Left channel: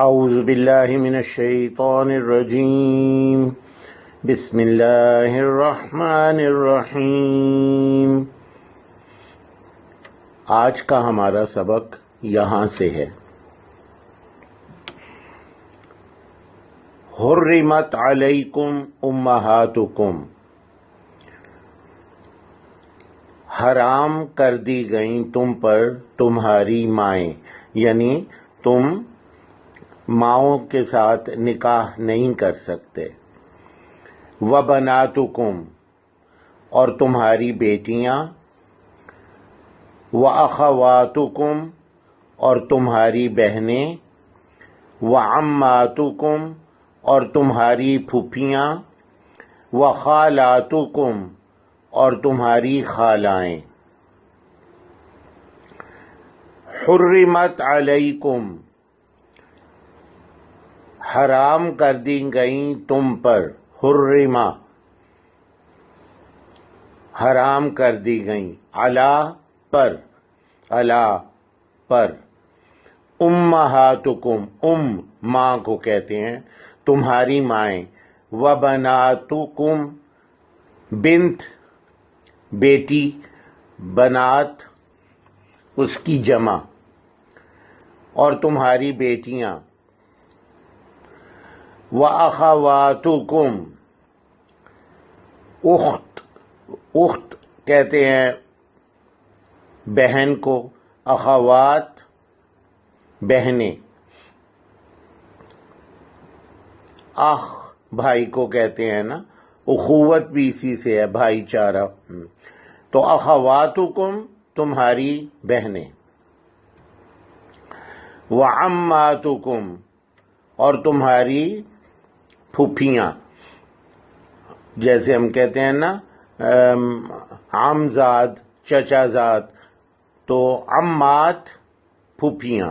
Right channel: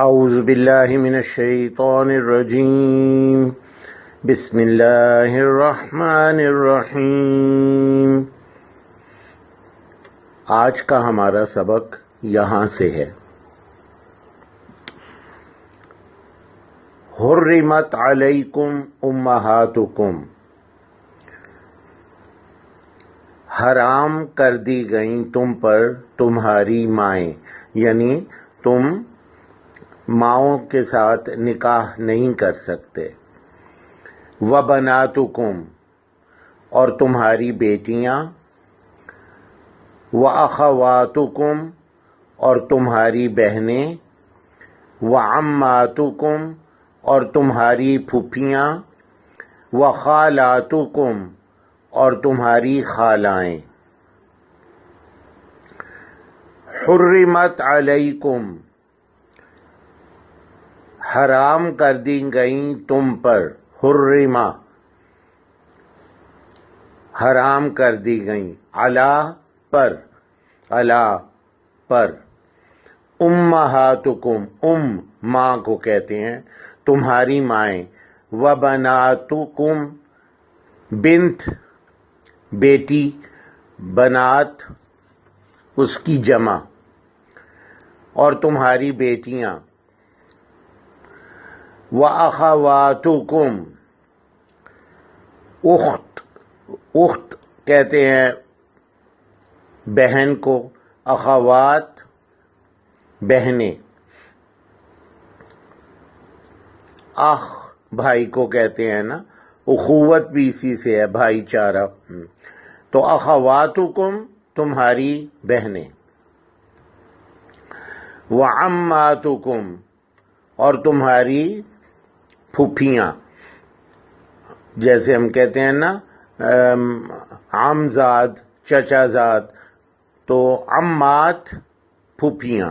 اعوذ باللہ من الشیطان الرجیم بسم اللہ الرحمن الرحیم۔ آج کا ہمارا سبق یہاں سے ہے۔ حرمت علیکم امہاتکم، حرام کر دی گئیں تم پر تمہاری مائیں، یعنی تم ماؤں کے ساتھ نکاح نہیں کر سکتے۔ وبناتکم، اور تمہاری بیٹیاں، واخواتکم، اور تمہاری بہنیں، وعماتکم، اور تمہاری پھوپھیاں، وخالاتکم، اور تمہاری خالائیں۔ حرمت علیکم، حرام کر دی گئیں تم پر، حرمہ حرام کر دی گئیں، علی پر، امہاتکم، ماں کو کہتے ہیں، تمہاری مائیں، وبناتکم، بنت بیٹی، بنات اس کی جمع، اور تمہاری بیٹیاں، وَأَخَوَاتُكُمْ، اخت کہتے ہیں بہن کو، اخوات بہنیں، اخ بھائی کو کہتے ہیں نا، اخوت بھی اسی سے ہے، بھائی چارہ۔ تو اخواتکم تمہاری بہنیں، وعماتکم، اور تمہاری پھوپھیاں، جیسے ہم کہتے ہیں نا عمزاد، چچا زاد، تو عمات پھوپھیاں،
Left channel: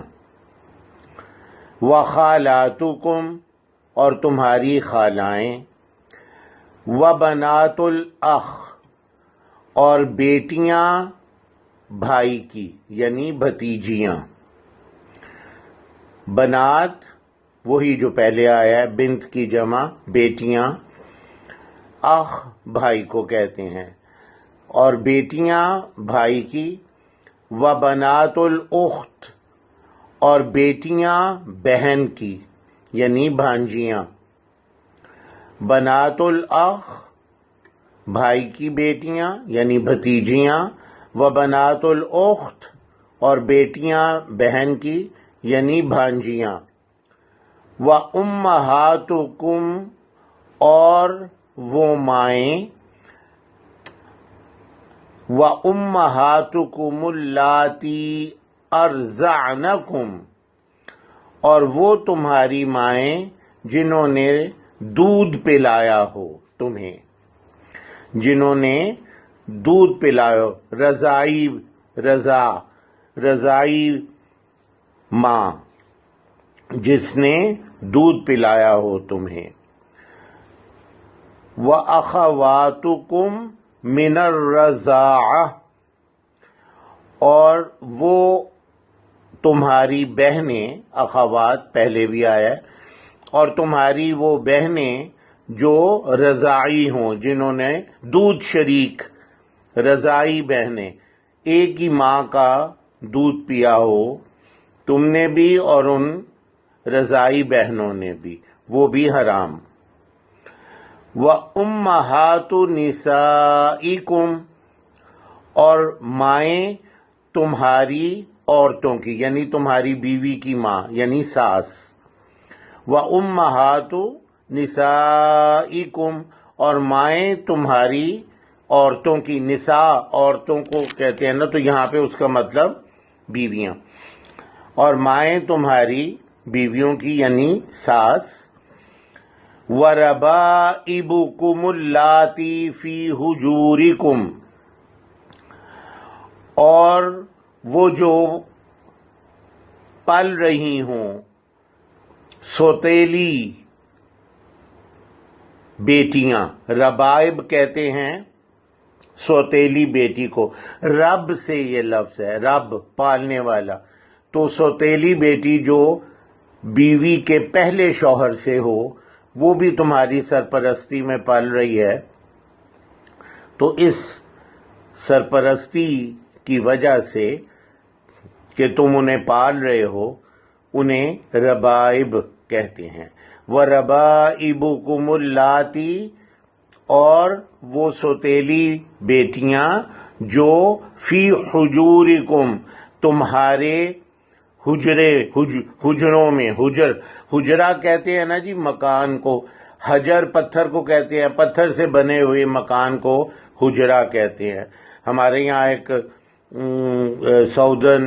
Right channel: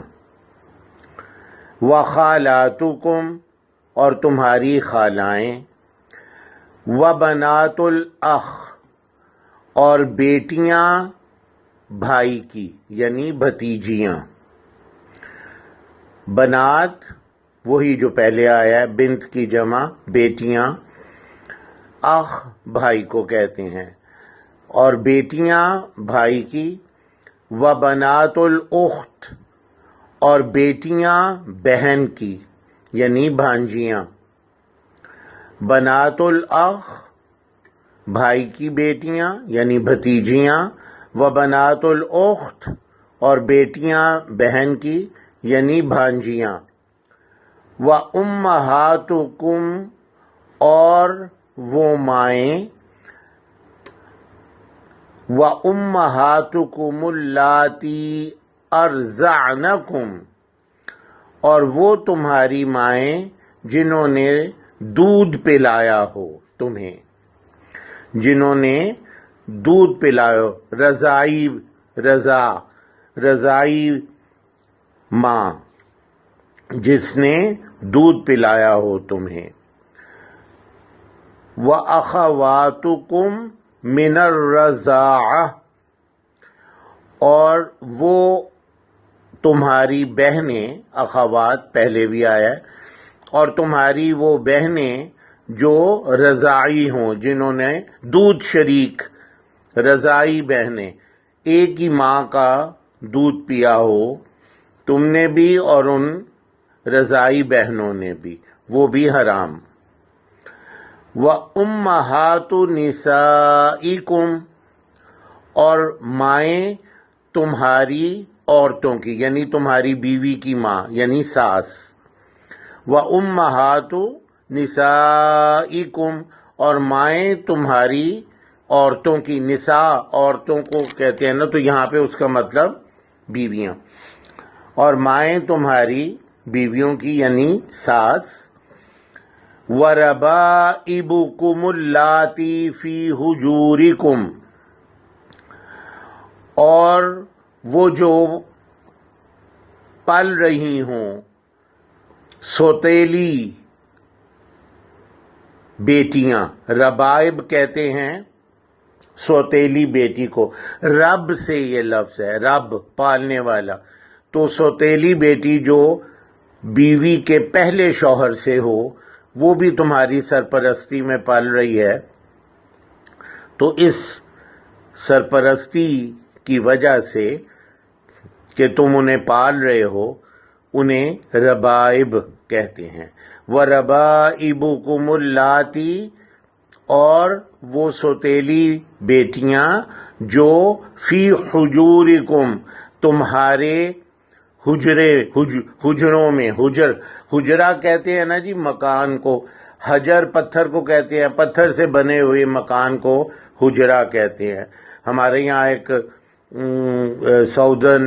وخالاتکم، اور تمہاری خالائیں، وبنات الاخ، اور بیٹیاں بھائی کی یعنی بھتیجیاں۔ بنات وہی جو پہلے آیا ہے، بنت کی جمع بیٹیاں، اخ بھائی کو کہتے ہیں، اور بیٹیاں بھائی کی، وبنات الاخت، اور بیٹیاں بہن کی یعنی بھانجیاں۔ بنات الاخ، بھائی کی بیٹیاں یعنی بھتیجیاں، وبنات الاخت، اور بیٹیاں بہن کی یعنی بھانجیاں، وَأُمَّهَاتُكُمْ، اور وہ مائیں، وَأُمَّهَاتُكُمُ اللَّاتِي أَرْضَعْنَكُمْ، اور وہ تمہاری مائیں جنہوں نے دودھ پلایا ہو تمہیں، جنہوں نے دودھ پلایا ہو، رضائی ماں، جس نے دودھ پلایا ہو تمہیں۔ وَأَخَوَاتُكُمْ مِنَ الرَّضَاعَةِ، اور وہ تمہاری بہنیں، اخوات پہلے بھی آیا ہے، اور تمہاری وہ بہنیں جو رضاعی ہوں، جنہوں نے دودھ شریک، رضائی بہنیں، ایک ہی ماں کا دودھ پیا ہو تم نے بھی اور ان رضائی بہنوں نے بھی، وہ بھی حرام۔ وَأُمَّهَاتُ نِسَائِكُمْ، اور مائیں تمہاری عورتوں کی یعنی تمہاری بیوی کی ماں یعنی ساس۔ وَأُمَّهَاتُ نِسَائِكُمْ، اور مائیں تمہاری عورتوں کی، نساء عورتوں کو کہتے ہیں نا، تو یہاں پہ اس کا مطلب بیویاں، اور مائیں تمہاری بیویوں کی یعنی ساس۔ وَرَبَائِبُكُمُ اللَّاتِي فِي حُجُورِكُمْ، اور وہ جو پل رہی ہوں، سوتیلی بیٹیاں، ربائب کہتے ہیں سوتیلی بیٹی کو، رب سے یہ لفظ ہے، رب پالنے والا، تو سوتیلی بیٹی جو بیوی کے پہلے شوہر سے ہو وہ بھی تمہاری سرپرستی میں پال رہی ہے، تو اس سرپرستی کی وجہ سے کہ تم انہیں پال رہے ہو انہیں ربائب کہتے ہیں۔ وَرَبَائِبُكُمُ اللَّاتِي، اور وہ سوتیلی بیٹیاں جو فی حجورکم تمہارے حجروں میں، حجرہ کہتے ہیں نا جی مکان کو، حجر پتھر کو کہتے ہیں، پتھر سے بنے ہوئے مکان کو حجرہ کہتے ہیں۔ ہمارے یہاں ایک سعودن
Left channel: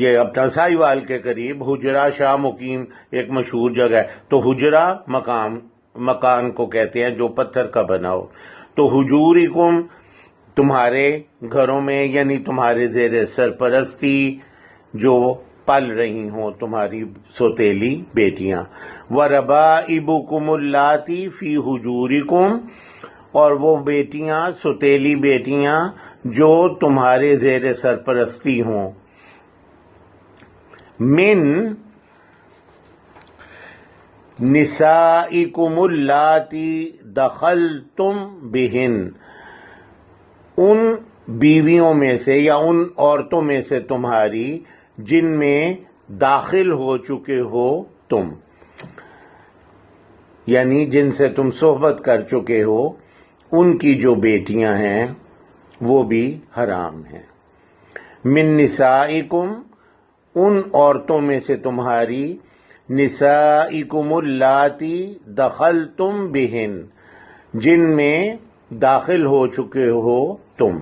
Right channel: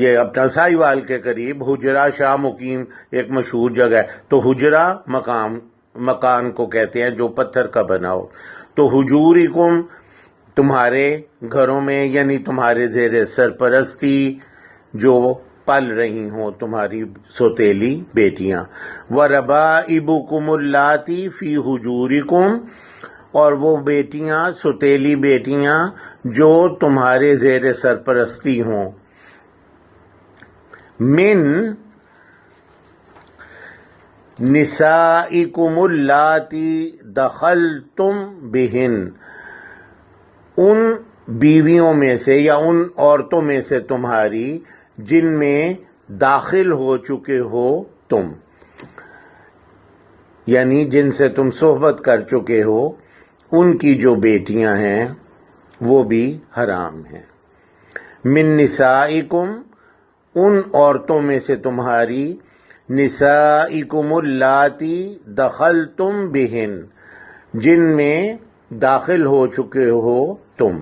یہ اپنا ساہیوال کے قریب حجرہ شاہ مقیم ایک مشہور جگہ ہے، تو حجرہ مکان کو کہتے ہیں جو پتھر کا بنا ہو۔ تو حجورکم تمہارے گھروں میں، یعنی تمہارے زیر سرپرستی جو پل رہی ہوں تمہاری سوتیلی بیٹیاں۔ وَرَبَائِبُكُمُ اللَّاتِي فِي حُجُورِكُمْ، اور وہ بیٹیاں سوتیلی بیٹیاں جو تمہارے زیر سرپرستی ہوں، من نسائکم اللاتی دخلتم بہن، ان بیویوں میں سے یا ان عورتوں میں سے تمہاری جن میں داخل ہو چکے ہو تم، یعنی جن سے تم صحبت کر چکے ہو، ان کی جو بیٹیاں ہیں وہ بھی حرام ہیں۔ من نسائکم، ان عورتوں میں سے تمہاری، نسائکم اللاتی دخلتم بہن، جن میں داخل ہو چکے ہو تم۔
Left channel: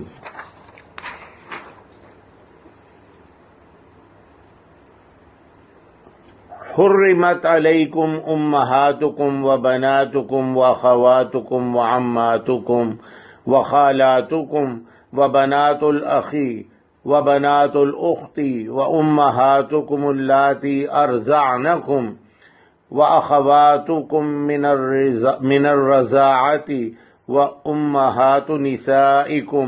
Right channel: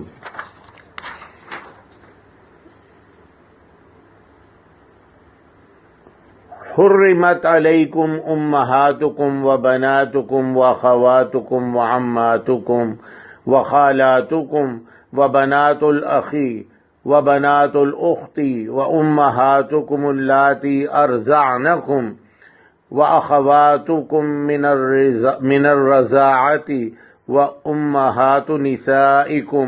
حرمت علیکم امہاتکم وبناتکم واخواتکم وعماتکم وخالاتکم وبنات الاخی وبنات الاخت وامہاتکم اللاتی ارضعنکم واخواتکم من الرضاعۃ وامہات نسائکم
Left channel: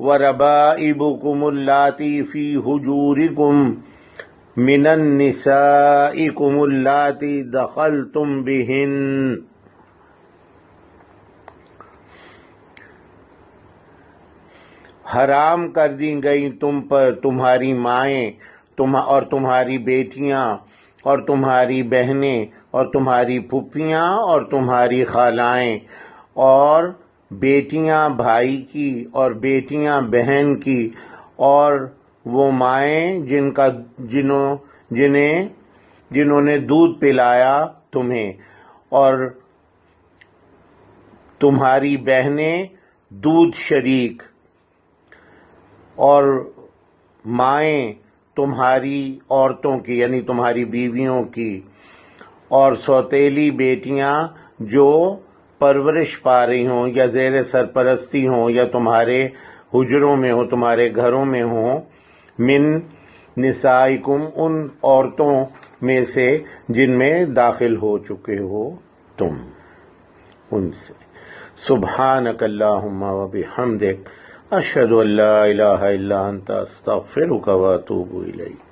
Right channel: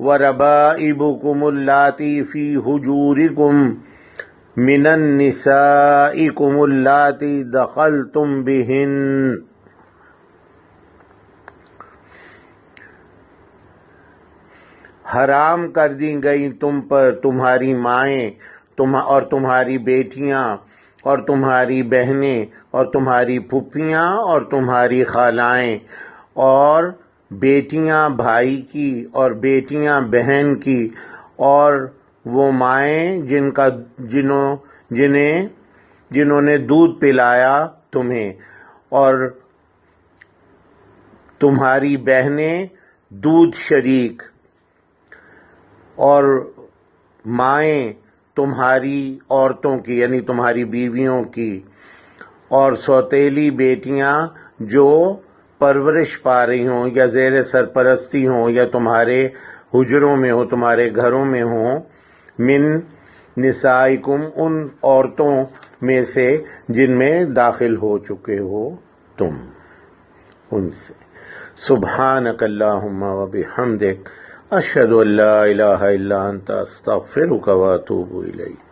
وربائبکم اللاتی فی حجورکم من النسائکم اللاتی دخلتم بہن۔ حرام کر دی گئی تم پر تمہاری مائیں اور تمہاری بیٹیاں اور تمہاری بہنیں اور تمہاری پھپھیاں اور تمہاری خالائیں اور بیٹیاں بھائی کی اور بیٹیاں بہن کی اور وہ مائیں جنہوں نے دودھ پلایا تمہیں، اور تمہاری بہنیں دودھ شریک، اور مائیں تمہاری عورتوں کی یعنی تمہاری بیویوں کی، اور سوتیلی بیٹیاں جو پرورش پا رہی ہوں یا زیر سرپرستی ہوں یا تمہارے حجروں میں ہو، تمہارے گھروں میں ہوں، من نسائکم، ان عورتوں میں سے جن میں داخل ہو چکے ہو تم، ان سے۔ سبحانک اللہم و بحمدک، اشہد ان لا الہ الا انت، استغفرک و اتوب الیک۔